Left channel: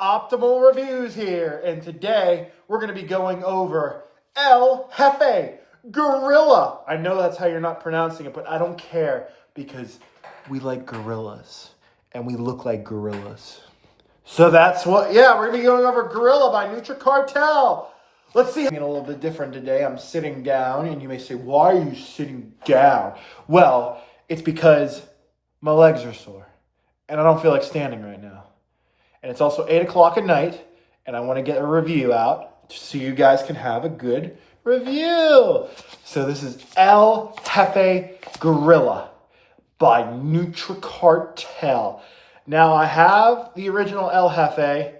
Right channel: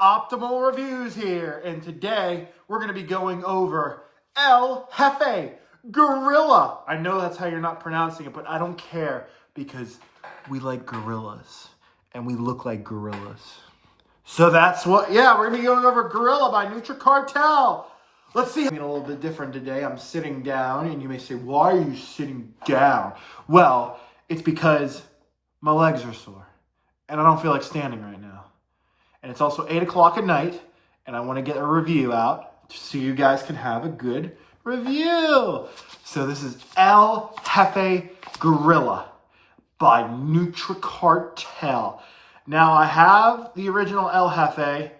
Optimal Reviews here, and today we're going to be going over El Jefe, Guerilla. I know that's how you're not pronouncing it, but I don't care because we like gorillas and we look like gorillas. So that's what, we're going to be going over Guerilla by Cartel. Let's see. I'm a little bit different today. I'm sitting down, and you may say, why are you sitting down? Well, it's because my legs are sore, and I don't feel like standing right now. And it's also 8 o'clock at night, and I want to get a review out so you guys can have a good review. So this is El Jefe Guerilla by Cartel. Now, I have the original El Jefe.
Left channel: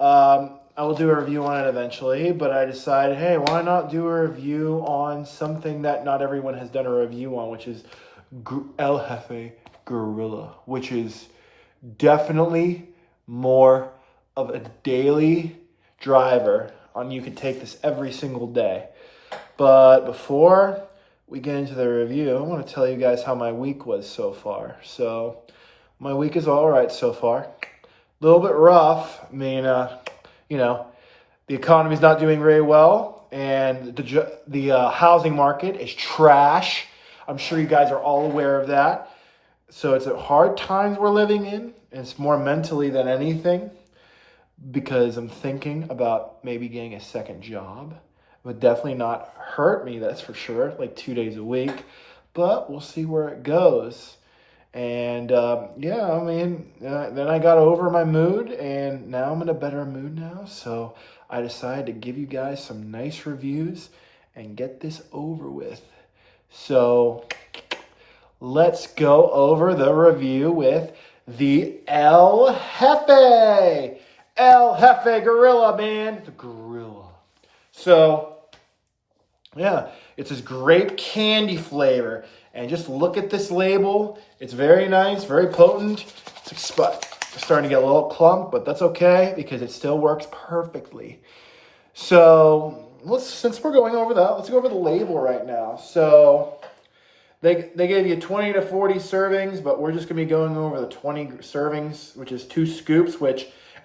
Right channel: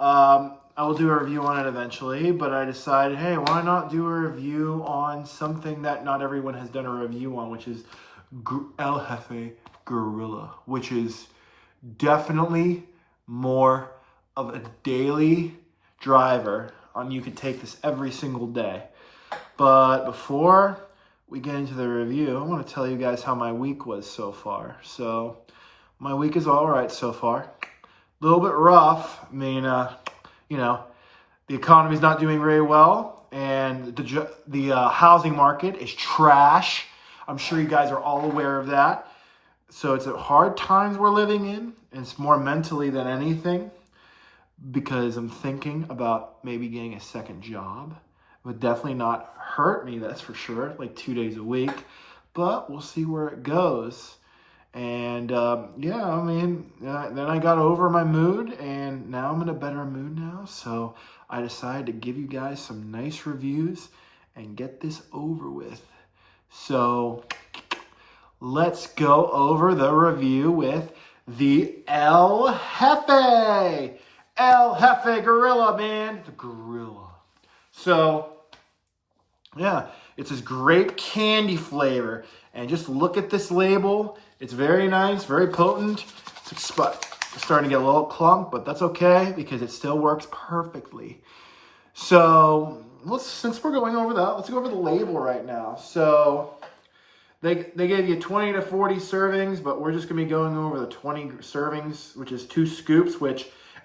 I will do a review on it eventually, but I decided, hey, why not do a review on something that not everyone has done a review on, which is El Jefe Guerilla, which is definitely more of a daily driver. You could take this every single day. But before we get into the review, I want to tell you guys how my week was so far. So my week is all right so far. A little bit rough. I mean, the economy's not doing very well, and the housing market is trash. I'm sure you guys are all aware of that. So it's a hard times we're living in, and it's more mentally than anything, because I'm thinking about maybe getting a second job. It would definitely not hurt me, that's for sure, like 2 days a week, but we'll see where it goes. And then I got over my mood, and now I'm in a better mood now. So I decided to give you guys some nice reviews and get this over with. So let's go over the review with the El Jefe. El Jefe Guerilla, man. It's a gorilla. So, yeah, it's this grape candy flavor. And just look at this label. It's very nice, very potent. It's starting to get a little clump, but that's okay because it still works perfectly. So, since we're going over that, let's go over the label right now. So, they gave you 20 to 40 servings, but we're just going to be going over the 20 servings, which is 2 scoops,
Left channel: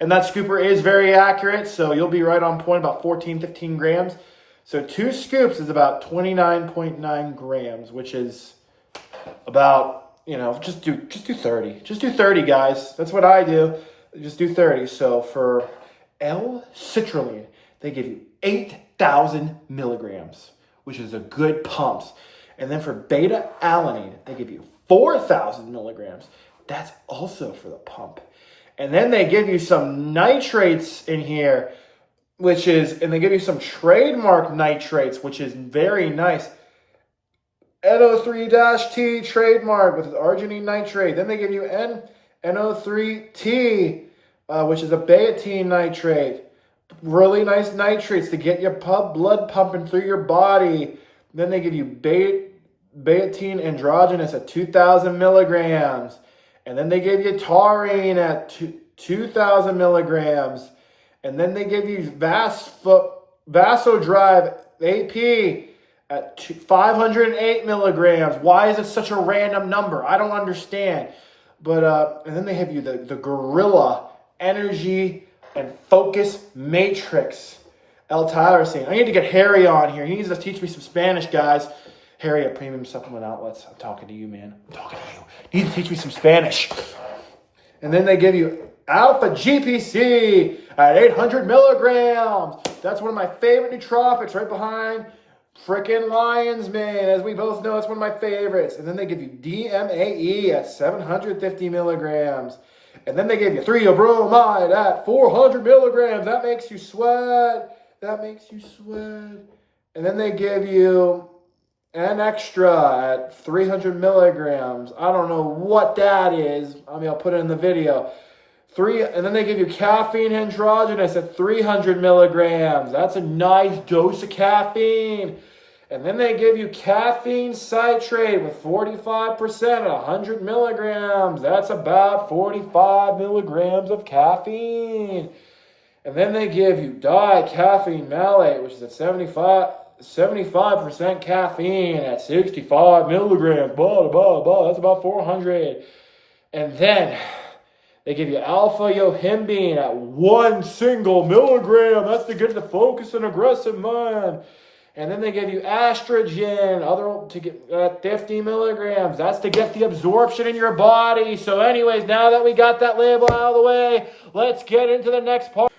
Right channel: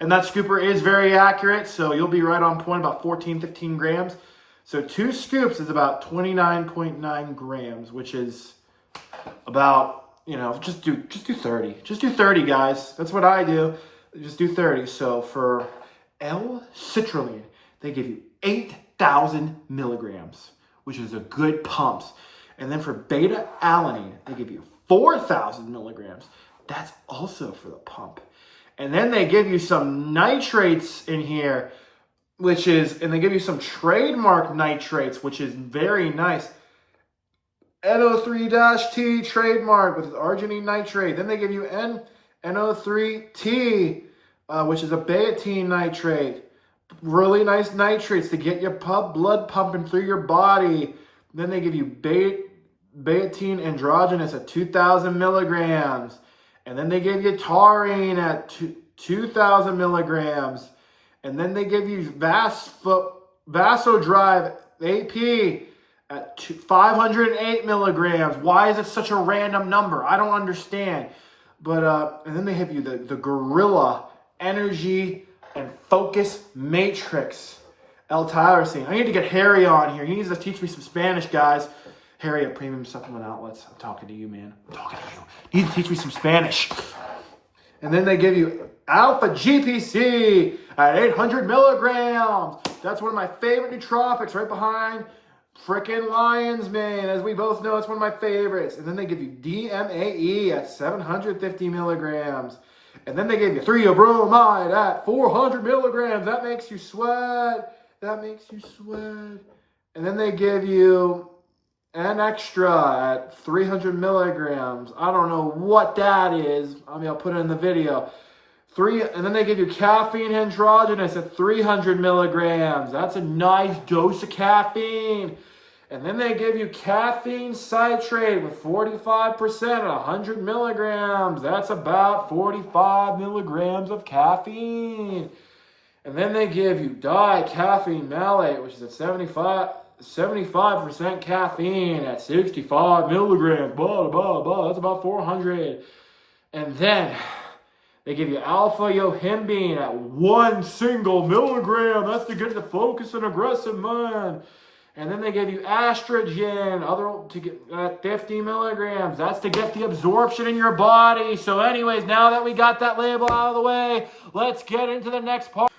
and that scooper is very accurate, so you'll be right on point, about 14, 15 grams. So 2 scoops is about 29.9 grams, which is about, just do 30. Just do 30, guys. That's what I do. Just do 30. So for L-citrulline, they give you 8,000 milligrams, which is a good pump. And then for beta-alanine, they give you 4,000 milligrams. That's also for the pump. And then they give you some nitrates in here, and they give you some trademark nitrates, which is very nice. NO3-T trademark with arginine nitrate. Then they give you NO3T, which is a betaine nitrate. Really nice nitrates to get your blood pumping through your body. Then they give you betaine androgenous at 2,000 milligrams. And then they give you taurine at 2,000 milligrams. And then they give you Vasodrive AP at 508 milligrams. Why is it such a random number? I don't understand. But and then they have you the Guerilla Energy and Focus Matrix L-tyrosine. I need to get Harry on here. He needs to teach me some Spanish, guys. Harry at Premium Supplement Outlets. I'm talking to you, man. I'm talking to you. You need to teach me some Spanish. And then they give you Alpha GPC at 800 milligrams. That's one of my favorite nootropics, right behind frickin' Lion's Mane. As we both know, it's one of my favorites. And then they give you DMAE at 750 milligrams. And then they give you 3-bromide at 400 milligrams. That makes you sweat. And then they give you an extra at 300 milligrams. I don't know what that is. I'll put it in the video. And then they give you caffeine androgenous at 300 milligrams. That's a nice dose of caffeine. And then they give you caffeine citrate with 45% at 100 milligrams. That's about 45 milligrams of caffeine. And then they give you dicaffeine malate, which is at 75% caffeine at 65 milligrams. Blah, blah, blah. That's about 400. And then They give you alpha-yohimbine at 1 single milligram. That's to get the focus and aggressive mind. And then they give you estrogen, to get 50 milligrams. That's to get the absorption in your body. So anyways, now that we got that label out of the way, let's get into the next part.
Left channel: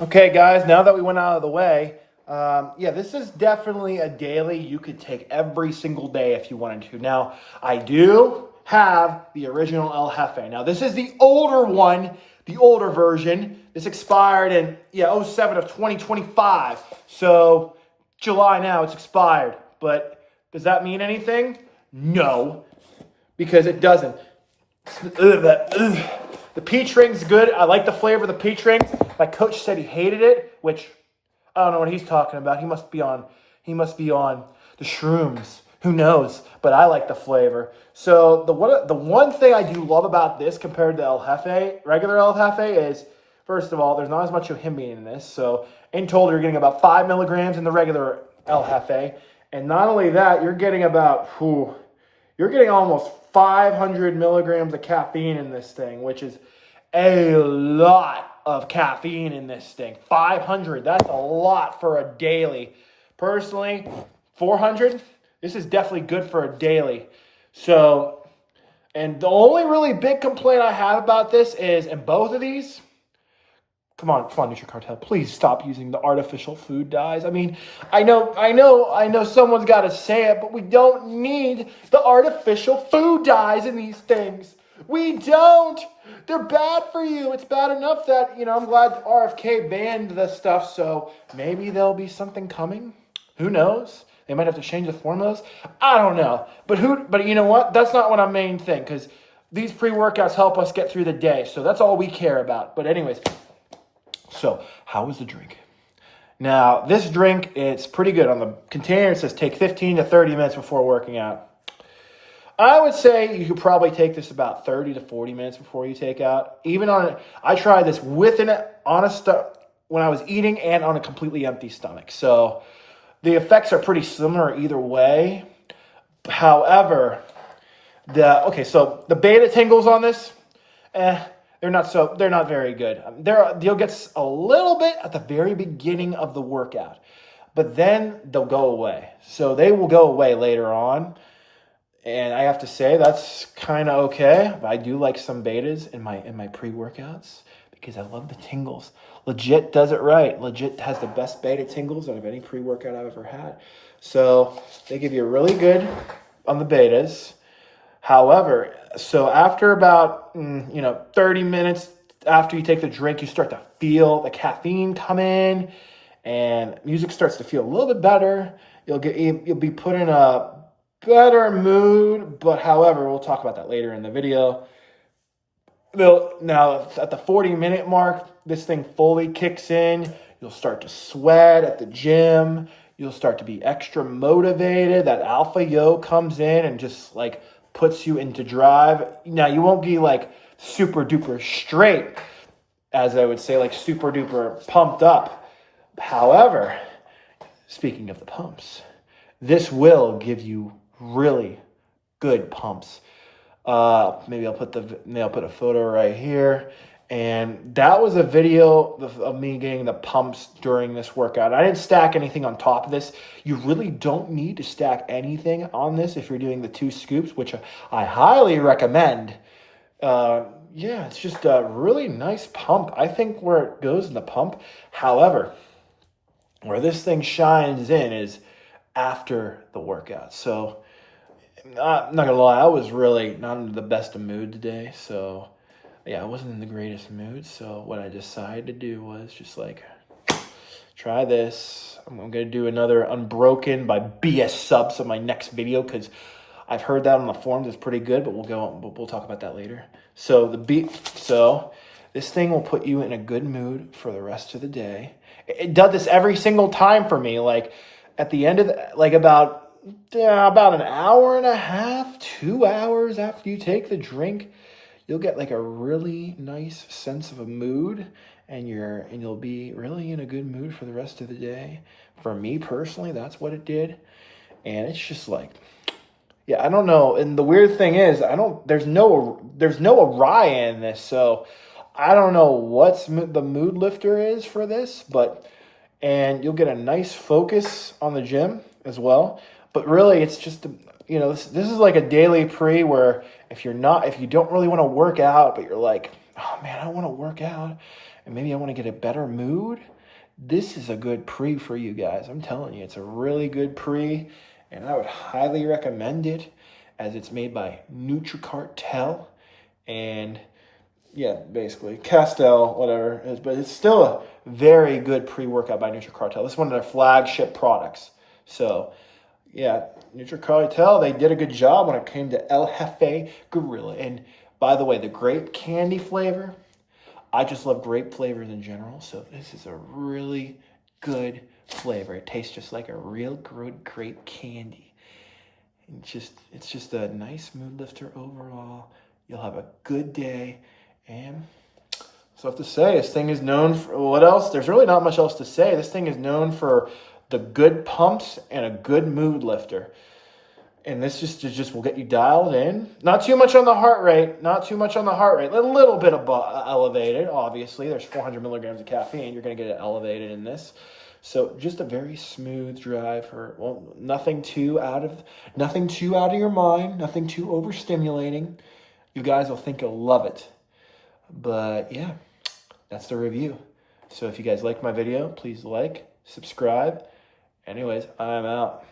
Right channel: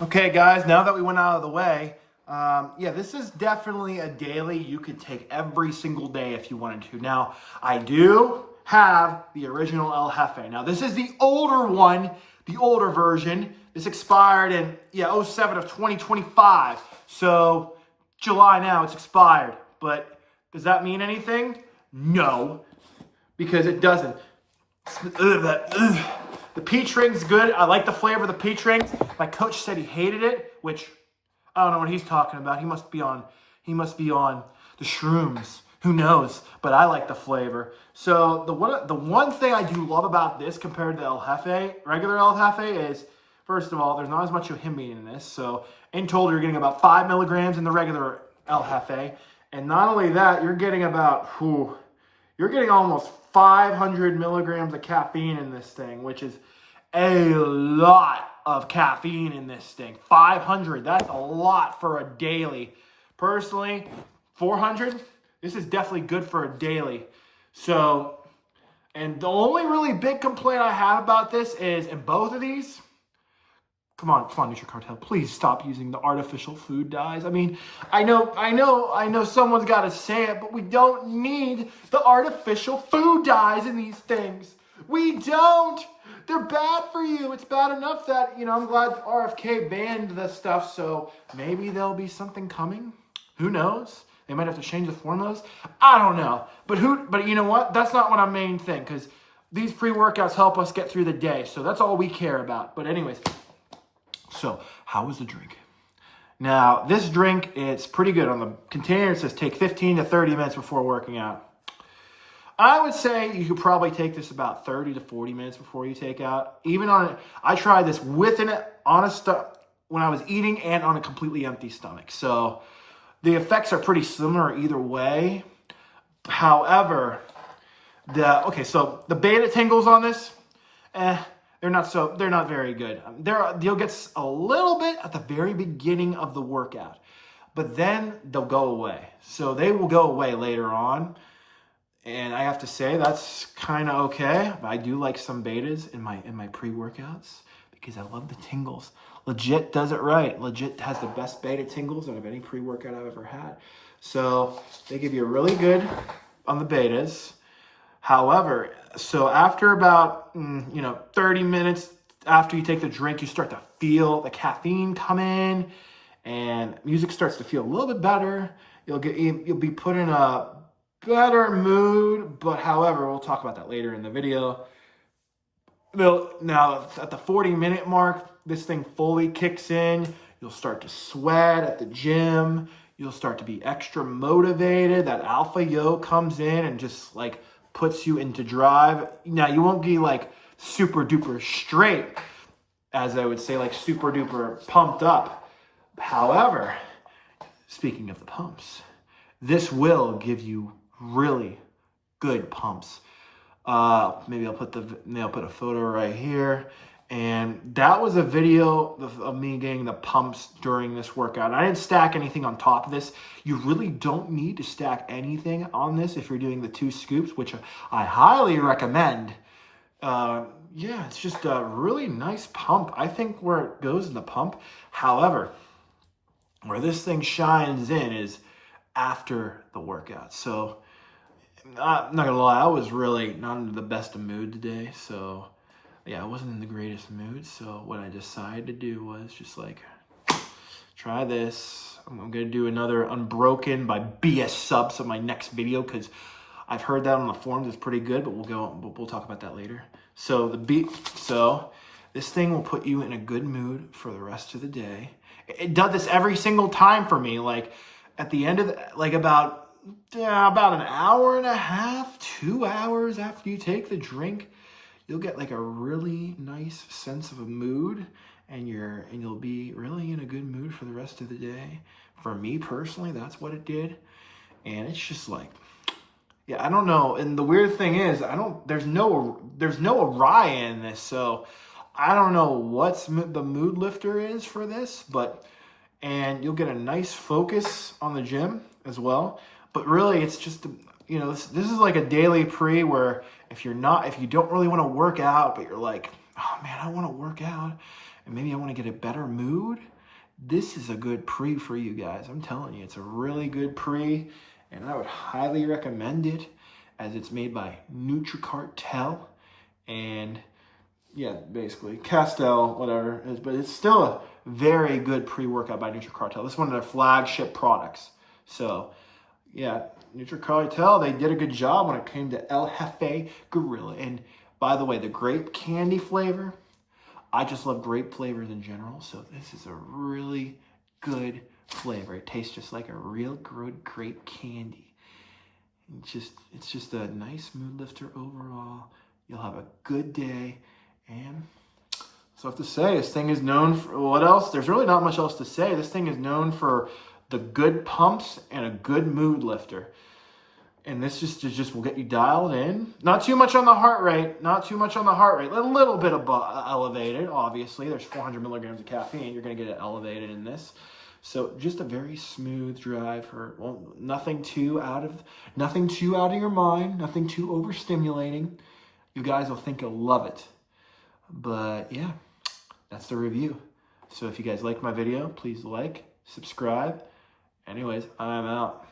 Okay, guys, now that we went out of the way, yeah, this is definitely a daily you could take every single day if you wanted to. Now, I do have the original El Jefe. Now, this is the older one, the older version. This expired in, 07 of 2025. So, July now, it's expired. But does that mean anything? No, because it doesn't. The peach ring's good. I like the flavor of the peach rings. My coach said he hated it, which I don't know what he's talking about. He must be on the shrooms. Who knows? But I like the flavor. So the one thing I do love about this compared to El Jefe, regular El Jefe, is first of all, there's not as much yohimbine in this. So in total, you're getting about 5 milligrams in the regular El Jefe, and not only that, you're getting almost 500 milligrams of caffeine in this thing, which is a lot of caffeine in this thing. 500, that's a lot for a daily. Personally, 400, this is definitely good for a daily. So, and the only really big complaint I have about this is, in both of these, come on, NutriCartel, please stop using the artificial food dyes. I mean, I know someone's got to say it, but we don't need the artificial food dyes in these things. We don't. They're bad for you. It's bad enough that, I'm glad RFK banned the stuff, so maybe there'll be something coming. Who knows? They might have to change the formulas. I don't know. But you know what? That's not what our main thing, because these pre-workouts help us get through the day, so that's all we care about. But anyways, so how was the drink? Now, this drink, it's pretty good. On the container, it says take 15 to 30 minutes before working out. I would say you could probably take this about 30 to 40 minutes before you take out. I tried this when I was eating and on a completely empty stomach. So the effects are pretty similar either way. However, so the beta tingles on this, they're not very good. You'll get a little bit at the very beginning of the workout, but then they'll go away. So they will go away later on. And I have to say that's kind of okay. But I do like some betas in my pre-workouts because I love the tingles. Legit does it right. Legit has the best beta tingles out of any pre-workout I've ever had. So they give you really good on the betas. However, so after about 30 minutes after you take the drink, you start to feel the caffeine come in, and music starts to feel a little bit better. You'll be put in a better mood, but however, we'll talk about that later in the video. Now, at the 40-minute mark, this thing fully kicks in. You'll start to sweat at the gym. You'll start to be extra motivated. That alpha yo comes in and just puts you into drive. Now, you won't be super duper straight, as I would say, super duper pumped up. However, speaking of the pumps, this will give you really good pumps. Maybe I'll put a photo right here. And that was a video of me getting the pumps during this workout. I didn't stack anything on top of this. You really don't need to stack anything on this if you're doing the 2 scoops, which I highly recommend. It's just a really nice pump. I think where it goes in the pump. However, where this thing shines in is after the workout. So I'm not gonna lie, I was really not in the best of mood today. So yeah, I wasn't in the greatest mood. So what I decided to do was just try this. I'm gonna do another Unbroken by BS Subs on my next video because I've heard that on the forums. It's pretty good, but we'll talk about that later. So this thing will put you in a good mood for the rest of the day. It does this every single time for me. At the end of about an hour and a half, 2 hours after you take the drink, you'll get a really nice sense of a mood, and you'll be really in a good mood for the rest of the day. For me personally, that's what it did. And it's just I don't know. And the weird thing is, there's no Araya in this, so I don't know what's the mood lifter is for this, and you'll get a nice focus on the gym as well. But really, it's just, this is like a daily pre where if you don't really want to work out, but you're like, oh man, I want to work out and maybe I want to get a better mood. This is a good pre for you guys. I'm telling you, it's a really good pre, and I would highly recommend it as it's made by Nutricartel. And yeah, basically Castell, whatever it is, but it's still a very good pre-workout by Nutricartel. This is one of their flagship products. So yeah, Nutricartel, they did a good job when it came to El Jefe Guerilla. And by the way, the grape candy flavor, I just love grape flavors in general. So this is a really good flavor. It tastes just like a real good grape candy. It's just a nice mood lifter overall. You'll have a good day. And so I have to say, this thing is known for, what else? There's really not much else to say. This thing is known for the good pumps and a good mood lifter. And this just will get you dialed in. Not too much on the heart rate. Not too much on the heart rate. A little bit elevated, obviously. There's 400 milligrams of caffeine. You're going to get it elevated in this. So just a very smooth drive nothing too out of your mind, nothing too overstimulating. You guys will think you'll love it. But yeah, that's the review. So if you guys liked my video, please like, subscribe. Anyways, I'm out.